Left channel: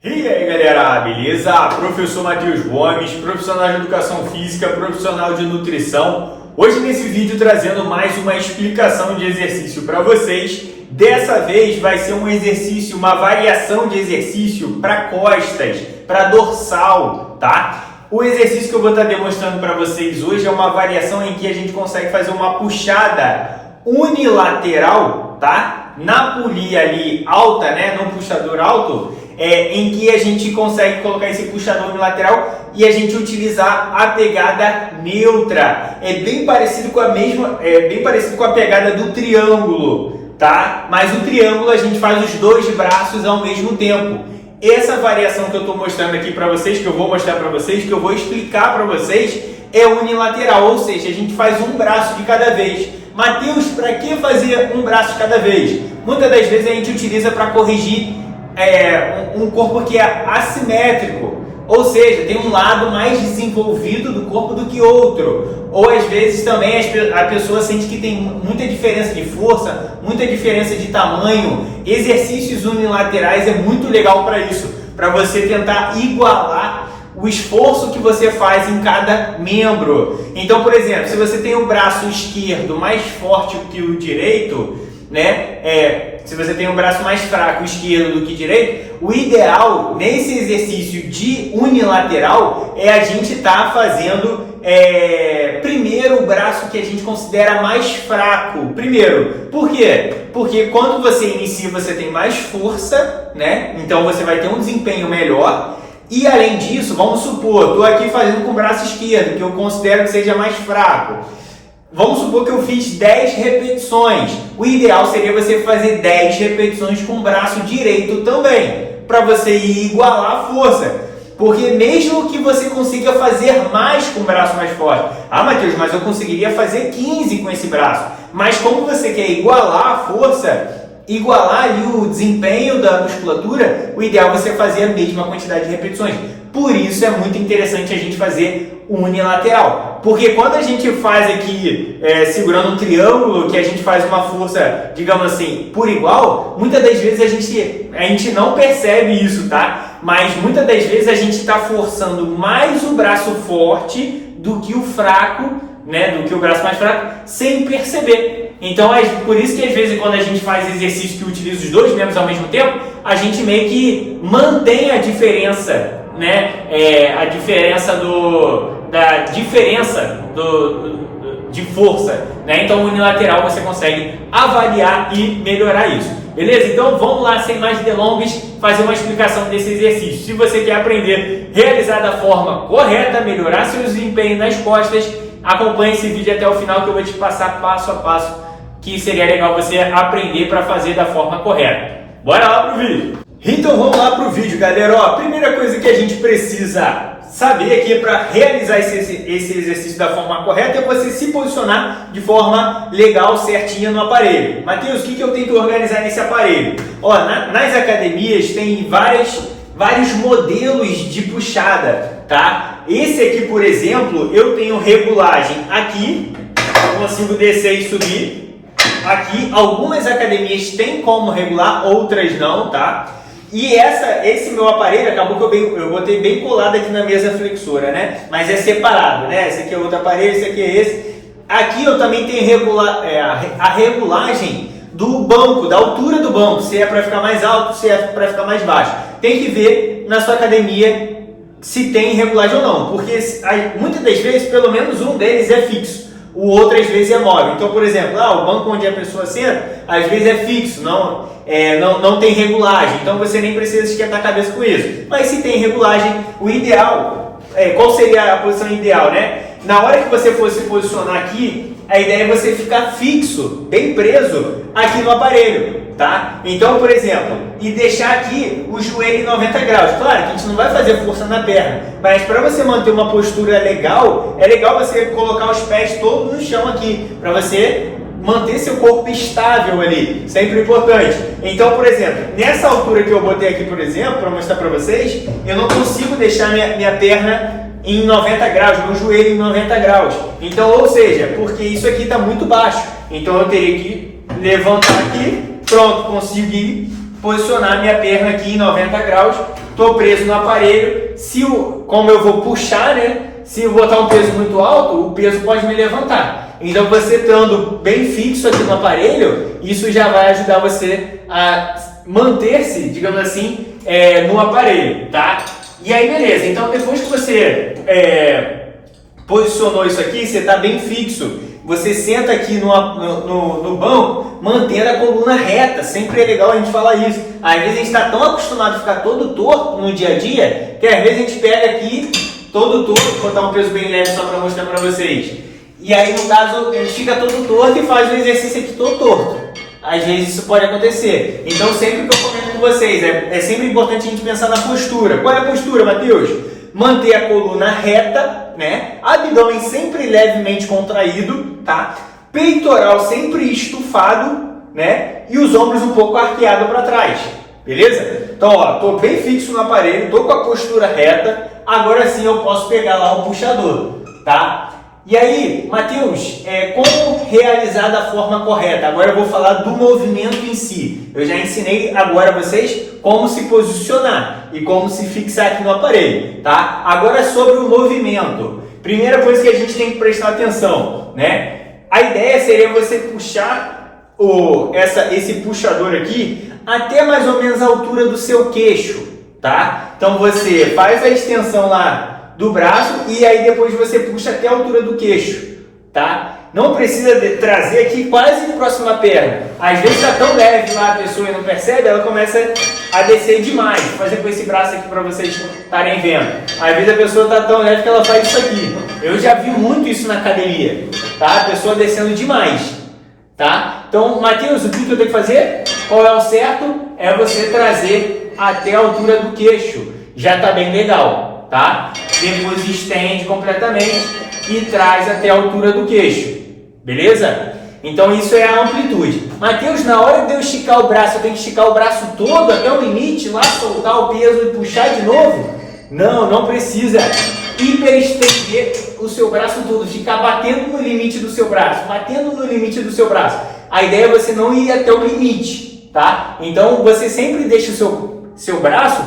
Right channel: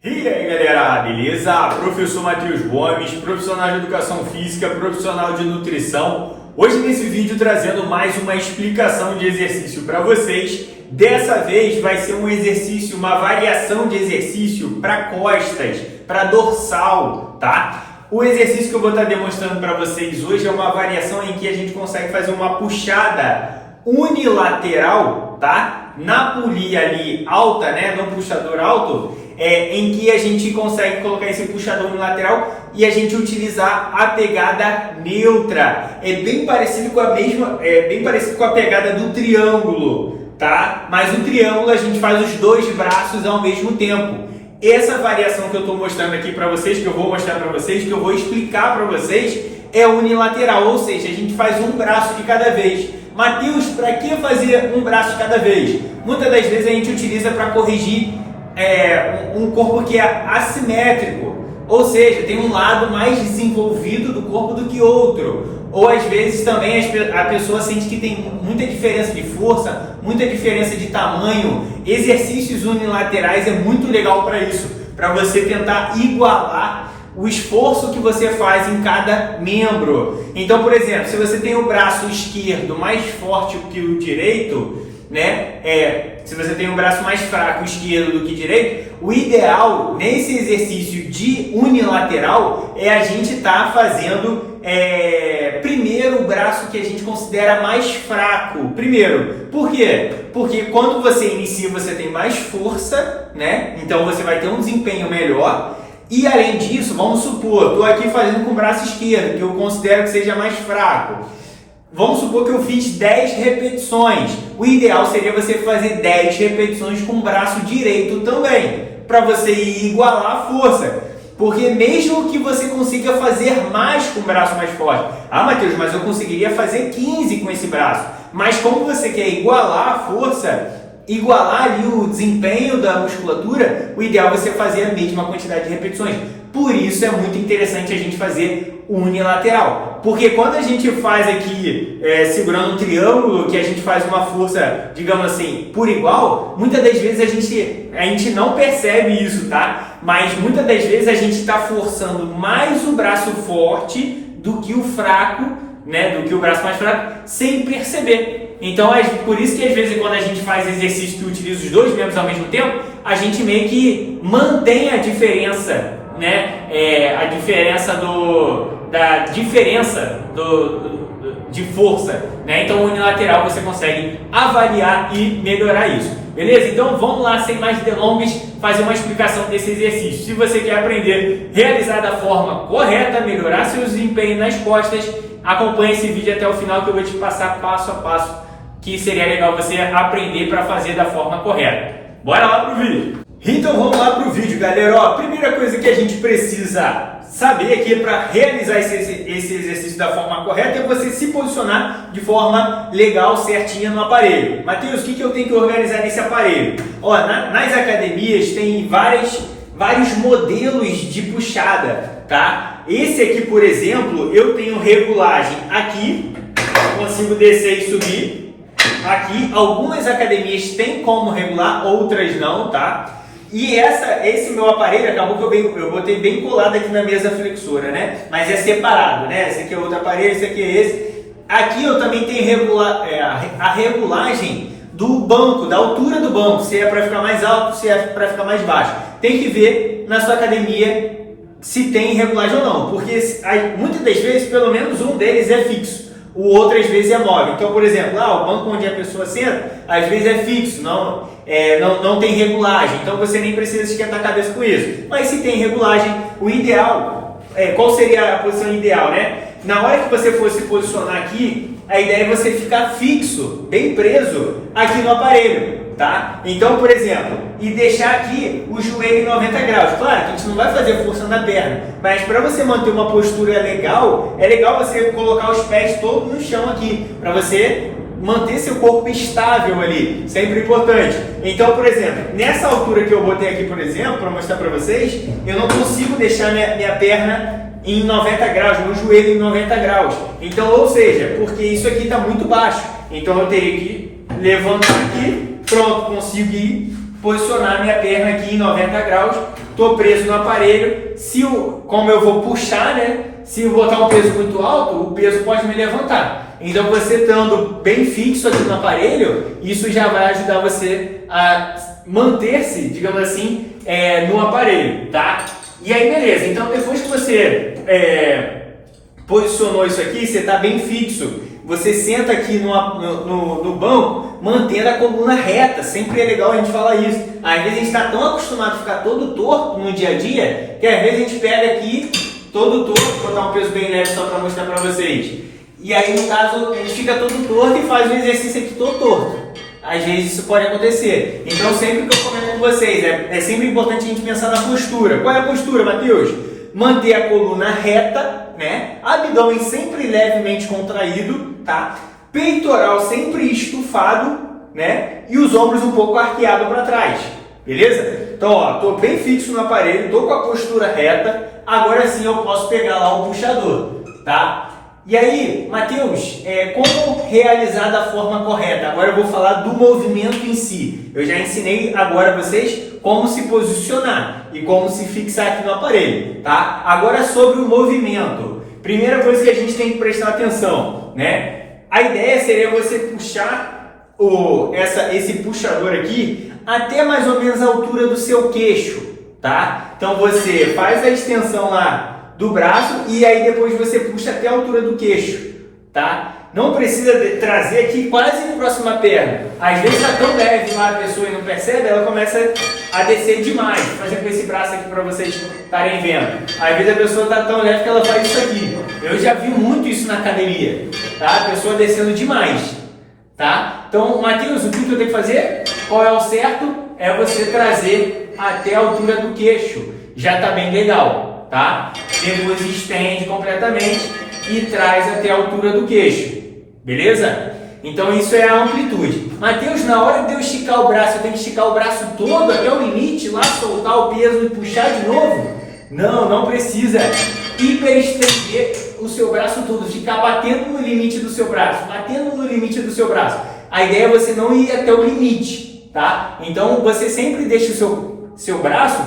E aí galera, beleza? Professor Matheus Gomes, profissional de educação física, profissional de nutrição. Hoje nesse vídeo trazendo mais uma explicação de exercício para vocês. Dessa vez vai ser um exercício, uma variação de exercício para costas, para dorsal, tá? O exercício que eu vou estar demonstrando para vocês hoje é uma variação em que a gente consegue fazer uma puxada unilateral, tá? Na polia ali alta, né? No puxador alto, em que a gente consegue colocar esse puxador unilateral e a gente utilizar a pegada neutra. É bem parecido com a pegada do triângulo, tá? Mas o triângulo a gente faz os dois braços ao mesmo tempo. Essa variação que eu estou mostrando aqui para vocês, que eu vou mostrar para vocês, que eu vou explicar para vocês, é unilateral, ou seja, a gente faz um braço de cada vez. Matheus, para que fazer um braço de cada vez? Muitas das vezes a gente utiliza para corrigir um corpo que é assimétrico, ou seja, tem um lado mais desenvolvido do corpo do que outro. Ou às vezes também a pessoa sente que tem muita diferença de força, muita diferença de tamanho. Exercícios unilaterais é muito legal para isso, para você tentar igualar o esforço que você faz em cada membro. Então, por exemplo, se você tem o braço esquerdo mais forte que o direito, né? Se você tem um braço mais fraco esquerdo do que direito, o ideal nesse exercício de unilateral é a gente estar fazendo primeiro o braço que a gente considera mais fraco. Primeiro, por quê? Porque quando você inicia você tem mais força, né? Então você vai ter um desempenho melhor. E além disso, vamos supor, estou aqui fazendo com o braço esquerdo, que eu considero que seja mais fraco. Vamos supor que eu fiz 10 repetições. O ideal seria você fazer 10 repetições com o braço direito também, para você igualar a força. Porque mesmo que você consiga fazer mais com o braço mais forte, Matheus, mas eu conseguiria fazer 15 com esse braço. Mas como você quer igualar a força, igualar ali o desempenho da musculatura, o ideal é você fazer a mesma quantidade de repetições. Por isso é muito interessante a gente fazer unilateral. Porque quando a gente faz aqui, segurando um triângulo, que a gente faz uma força, digamos assim, por igual, muitas das vezes a gente não percebe isso, tá? Mas muitas das vezes a gente está forçando mais o braço forte do que o fraco, né? Do que o braço mais fraco, sem perceber. Então é por isso que às vezes quando a gente faz exercício que utiliza os dois membros ao mesmo tempo, a gente meio que mantém a diferença, né? A diferença de força, né? Então unilateral você consegue avaliar e melhorar isso, beleza? Então vamos lá, sem mais delongas, fazer uma explicação desse exercício. Se você quer aprender a realizar da forma correta, melhorar seu desempenho nas costas, acompanhe esse vídeo até o final que eu vou te passar passo a passo que seria legal você aprender para fazer da forma correta. Bora lá pro vídeo! Então vamos lá pro vídeo, galera. Ó, a primeira coisa que a gente precisa saber aqui para realizar esse exercício da forma correta é você se posicionar de forma legal, certinha no aparelho. Matheus, o que eu tenho que organizar nesse aparelho? Ó, nas academias tem vários modelos de puxada, tá? Esse aqui, por exemplo, eu tenho regulagem aqui, eu consigo descer e subir. Aqui, algumas academias têm como regular, outras não, tá? E esse meu aparelho, acabou que eu botei bem colado aqui na mesa flexora, né? Mas é separado, né? Esse aqui é outro aparelho, esse aqui é esse. Aqui eu também tenho a regulagem do banco, da altura do banco, se é para ficar mais alto, se é para ficar mais baixo. Tem que ver na sua academia se tem regulagem ou não, porque muitas das vezes, pelo menos um deles é fixo. O outro às vezes é móvel. Então, por exemplo, o banco onde a pessoa senta, às vezes é fixo, não tem regulagem. Então você nem precisa esquentar a cabeça com isso. Mas se tem regulagem, o ideal, qual seria a posição ideal, né? Na hora que você for se posicionar aqui, a ideia é você ficar fixo, bem preso aqui no aparelho, tá? Então, por exemplo, e deixar aqui o joelho em 90 graus. Claro que a gente não vai fazer força na perna, mas para você manter uma postura legal, é legal você colocar os pés todos no chão aqui, para você manter seu corpo estável ali, sempre importante. Então, por exemplo, nessa altura que eu botei aqui, por exemplo, para mostrar para vocês, eu não consigo deixar minha perna em 90 graus, meu joelho em 90 graus. Então, ou seja, porque isso aqui está muito baixo. Então eu teria que levantar aqui, pronto, consegui posicionar minha perna aqui em 90 graus estou preso no aparelho, como eu vou puxar, né? Se eu botar um peso muito alto, o peso pode me levantar. Então, você estando bem fixo aqui no aparelho, isso já vai ajudar você a manter-se, digamos assim, no aparelho, tá? E aí, beleza. Então, depois que você posicionou isso aqui, você está bem fixo. Você senta aqui no banco, mantendo a coluna reta. Sempre é legal a gente falar isso. Às vezes a gente está tão acostumado a ficar todo torto no dia a dia, que às vezes a gente pega aqui todo torto, vou botar um peso bem leve só para mostrar para vocês. E aí, no caso, a gente fica todo torto e faz o exercício aqui todo torto. Às vezes isso pode acontecer. Então, sempre que eu comento com vocês, é sempre importante a gente pensar na postura. Qual é a postura, Matheus? Manter a coluna reta, né? Abdômen sempre levemente contraído, tá? Peitoral sempre estufado, né? E os ombros um pouco arqueados para trás, beleza? Então, ó, tô bem fixo no aparelho, tô com a postura reta. Agora sim eu posso pegar lá o puxador, tá? E aí, Matheus, como realizar da forma correta? Agora eu vou falar do movimento em si. Eu já ensinei agora a vocês como se posicionar e como se fixar aqui no aparelho, tá? Agora sobre o movimento. Primeira coisa que a gente tem que prestar atenção, né? A ideia seria você puxar esse puxador aqui até mais ou menos a altura do seu queixo, tá? Então você faz a extensão lá do braço e aí depois você puxa até a altura do queixo, tá? Não precisa trazer aqui quase próximo à perna. Às vezes está tão leve lá a pessoa e não percebe, ela começa a descer demais. Por exemplo, esse braço aqui para vocês estarem vendo. Às vezes a pessoa está tão leve que ela faz isso aqui. Eu já vi muito isso na academia, tá? A pessoa descendo demais, tá? Então, Matheus, o que eu tenho que fazer? Qual é o certo? É você trazer até a altura do queixo. Já está bem legal, tá? Depois estende completamente e traz até a altura do queixo, beleza? Então isso é a amplitude. Matheus, na hora de eu esticar o braço, eu tenho que esticar o braço todo até o limite, lá soltar o peso e puxar de novo? Não, não precisa hiperestender o seu braço todo, ficar batendo no limite do seu braço, batendo no limite do seu braço. A ideia é você não ir até o limite, tá? Então você sempre deixa o seu braço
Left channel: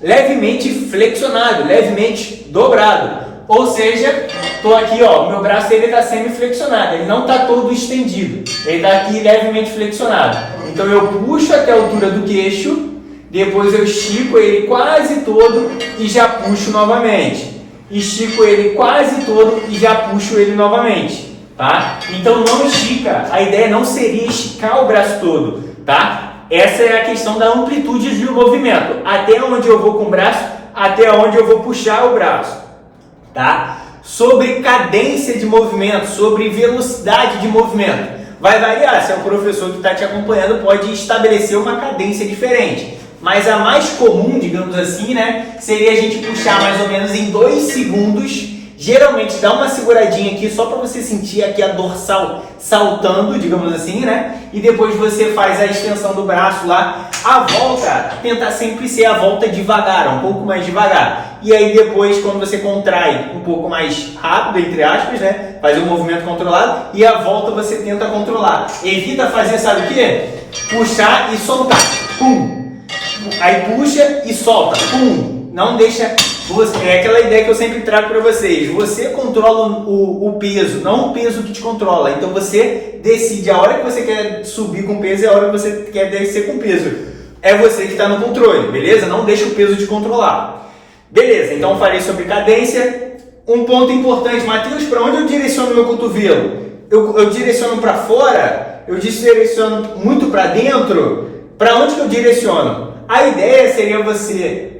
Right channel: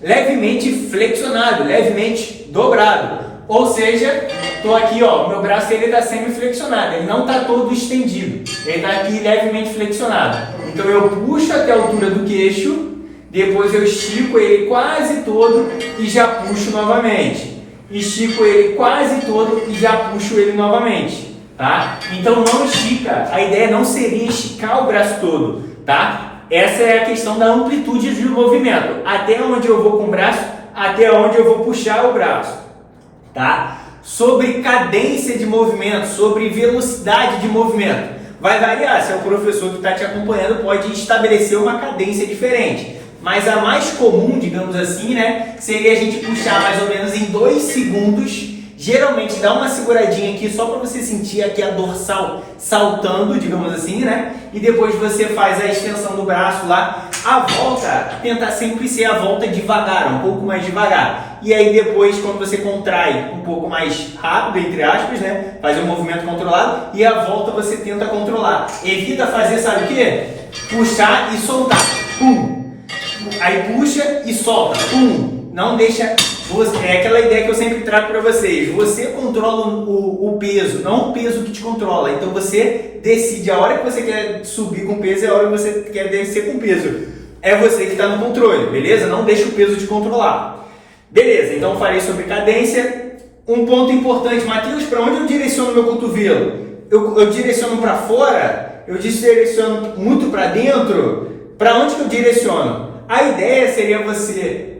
levemente flexionado, levemente dobrado. Ou seja, estou aqui, ó, meu braço ele está semi-flexionado, ele não está todo estendido, ele está aqui levemente flexionado. Então eu puxo até a altura do queixo, depois eu estico ele quase todo e já puxo novamente. Estico ele quase todo e já puxo ele novamente, tá? Então não estica, a ideia não seria esticar o braço todo, tá? Essa é a questão da amplitude de movimento. Até onde eu vou com o braço, até onde eu vou puxar o braço, tá? Sobre cadência de movimento, sobre velocidade de movimento. Vai variar, se é o professor que está te acompanhando pode estabelecer uma cadência diferente. Mas a mais comum, digamos assim, né, seria a gente puxar mais ou menos em 2 segundos. Geralmente dá uma seguradinha aqui só para você sentir aqui a dorsal saltando, digamos assim, né? E depois você faz a extensão do braço lá. A volta, tentar sempre ser a volta devagar, um pouco mais devagar. E aí depois, quando você contrai um pouco mais rápido, entre aspas, né? Faz um movimento controlado e a volta você tenta controlar. Evita fazer, sabe o quê? Puxar e soltar. Pum! Aí puxa e solta. Pum! Não deixa... É aquela ideia que eu sempre trago para vocês. Você controla o peso, não o peso que te controla. Então você decide a hora que você quer subir com peso e a hora que você quer descer com peso. É você que está no controle, beleza? Não deixa o peso te controlar. Beleza, então falei sobre cadência. Um ponto importante, Matheus, para onde eu direciono meu cotovelo? Eu direciono para fora? Eu direciono muito para dentro? Para onde que eu direciono? A ideia seria você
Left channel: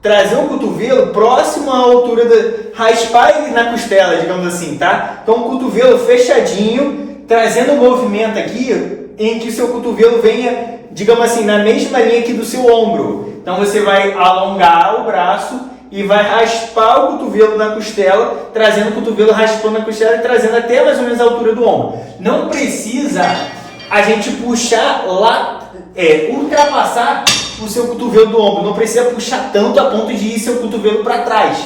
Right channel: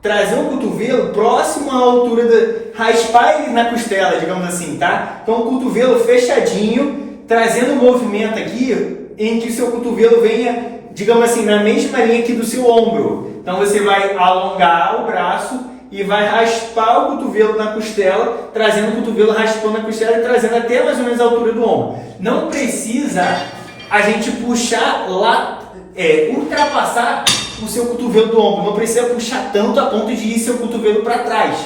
trazer o cotovelo próximo à altura raspar ele na costela, digamos assim, tá? Então o cotovelo fechadinho, trazendo um movimento aqui em que o seu cotovelo venha, digamos assim, na mesma linha aqui do seu ombro. Então você vai alongar o braço e vai raspar o cotovelo na costela, trazendo o cotovelo raspando na costela e trazendo até mais ou menos a altura do ombro. Não precisa a gente puxar lá, ultrapassar o seu cotovelo do ombro, não precisa puxar tanto a ponto de ir seu cotovelo para trás,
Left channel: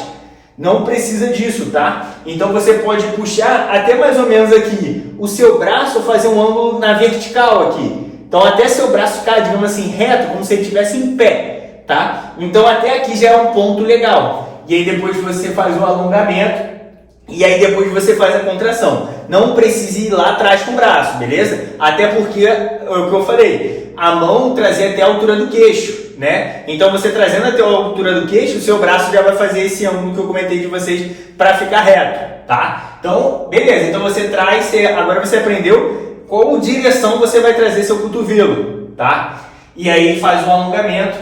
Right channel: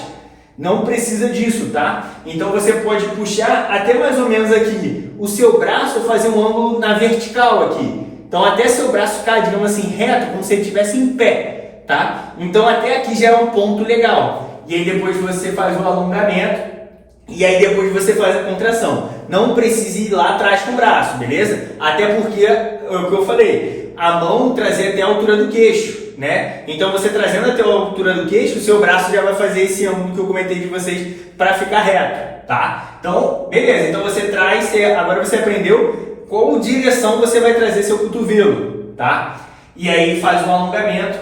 não precisa disso, tá? Então você pode puxar até mais ou menos aqui o seu braço, fazer um ângulo na vertical aqui, então até seu braço ficar, digamos assim, reto, como se ele estivesse em pé, tá? Então até aqui já é um ponto legal. E aí depois você faz o alongamento e aí depois você faz a contração. Não precisa ir lá atrás com o braço, beleza? Até porque, é o que eu falei, a mão trazer até a altura do queixo, né? Então você trazendo até a altura do queixo, o seu braço já vai fazer esse ângulo que eu comentei de vocês para ficar reto, tá? Então, beleza. Então você traz, agora você aprendeu qual direção você vai trazer seu cotovelo, tá? E aí faz o alongamento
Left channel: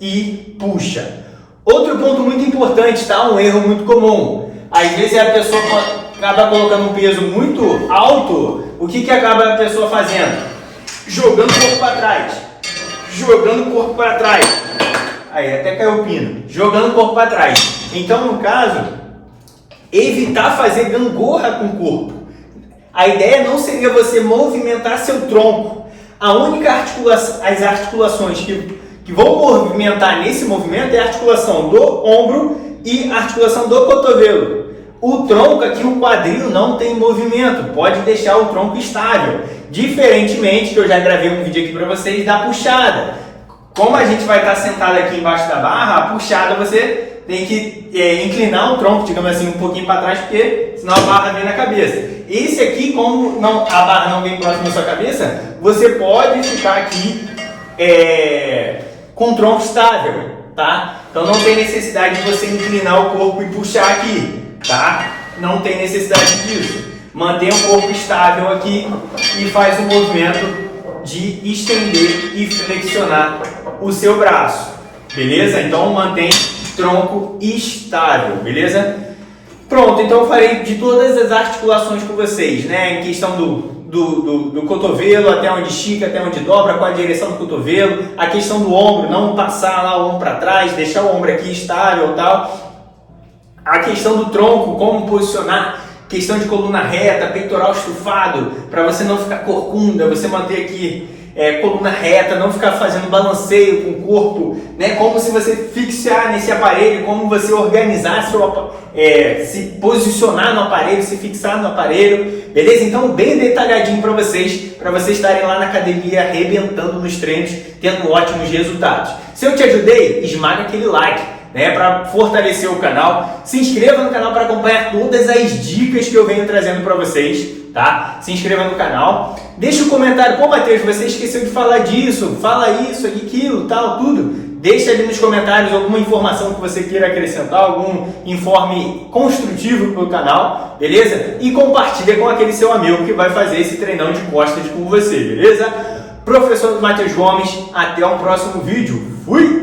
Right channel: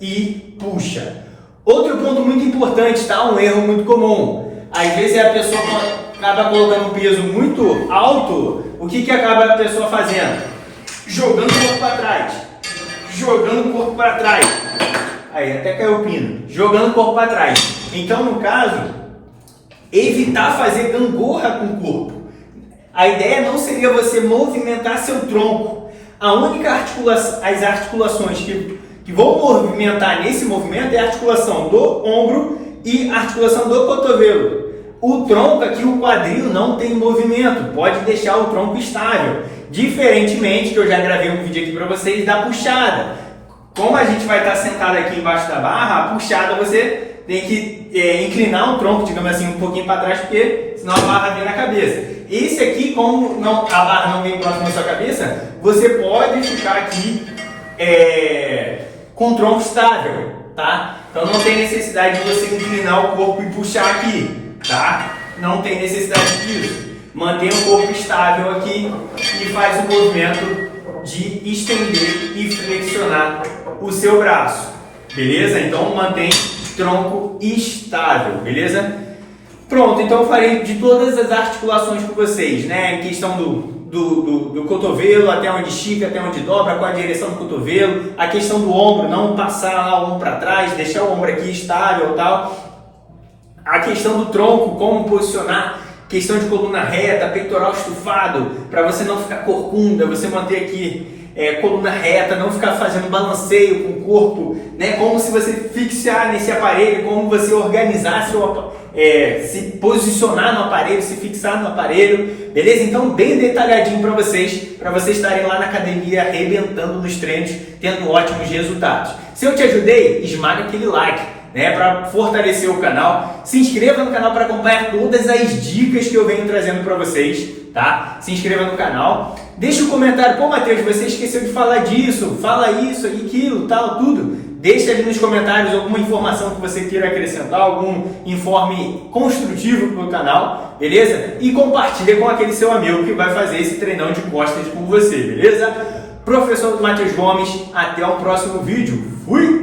e puxa. Outro ponto muito importante, tá? Um erro muito comum. Às vezes a pessoa acaba colocando um peso muito alto, o que acaba a pessoa fazendo? Jogando o corpo para trás. Jogando o corpo para trás. Aí, até caiu o pino. Jogando o corpo para trás. Então, no caso, evitar fazer gangorra com o corpo. A ideia não seria você movimentar seu tronco. A única articulação, as articulações que vão movimentar nesse movimento é a articulação do ombro e a articulação do cotovelo. O tronco aqui, o quadril, não tem movimento, pode deixar o tronco estável. Diferentemente, que eu já gravei um vídeo aqui para vocês, da puxada. Como a gente vai estar sentado aqui embaixo da barra, a puxada você tem que inclinar o tronco, digamos assim, um pouquinho para trás, porque senão a barra vem na cabeça. Esse aqui, como não, a barra não vem próximo da sua cabeça, você pode ficar aqui com o tronco estável, tá? Então não tem necessidade de você inclinar o corpo e puxar aqui, tá? Não tem necessidade disso. Mantenha o corpo estável aqui e faz o movimento de estender e flexionar o seu braço, beleza? Então mantém tronco estável, beleza? Pronto, então eu farei de todas as articulações com vocês, né? Em questão do cotovelo, até onde estica, até onde dobra, qual a direção do cotovelo, a questão do ombro, não passar lá o ombro para trás, deixar o ombro aqui estável e tal. A questão do tronco, como posicionar, questão de coluna reta, peitoral estufado, para você não ficar corcunda, você manter aqui coluna reta, não ficar fazendo balanceio com o corpo, né? Como se você fixar nesse aparelho, como você organizar se posicionar no aparelho, se fixar no aparelho, beleza? Então bem detalhadinho para vocês estarem lá na academia arrebentando nos treinos, tendo ótimos resultados. Se eu te ajudei, esmaga aquele like, né, para fortalecer o canal. Se inscreva no canal para acompanhar todas as dicas que eu venho trazendo para vocês, tá? Se inscreva no canal. Deixa um comentário. Pô, Matheus, você esqueceu de falar disso. Fala isso, aquilo, tal, tudo. Deixa ali nos comentários alguma informação que você queira acrescentar, algum informe construtivo para o canal, beleza? E compartilha com aquele seu amigo que vai fazer esse treinão de costas com você, beleza? Professor Matheus Gomes, até o próximo vídeo. Fui!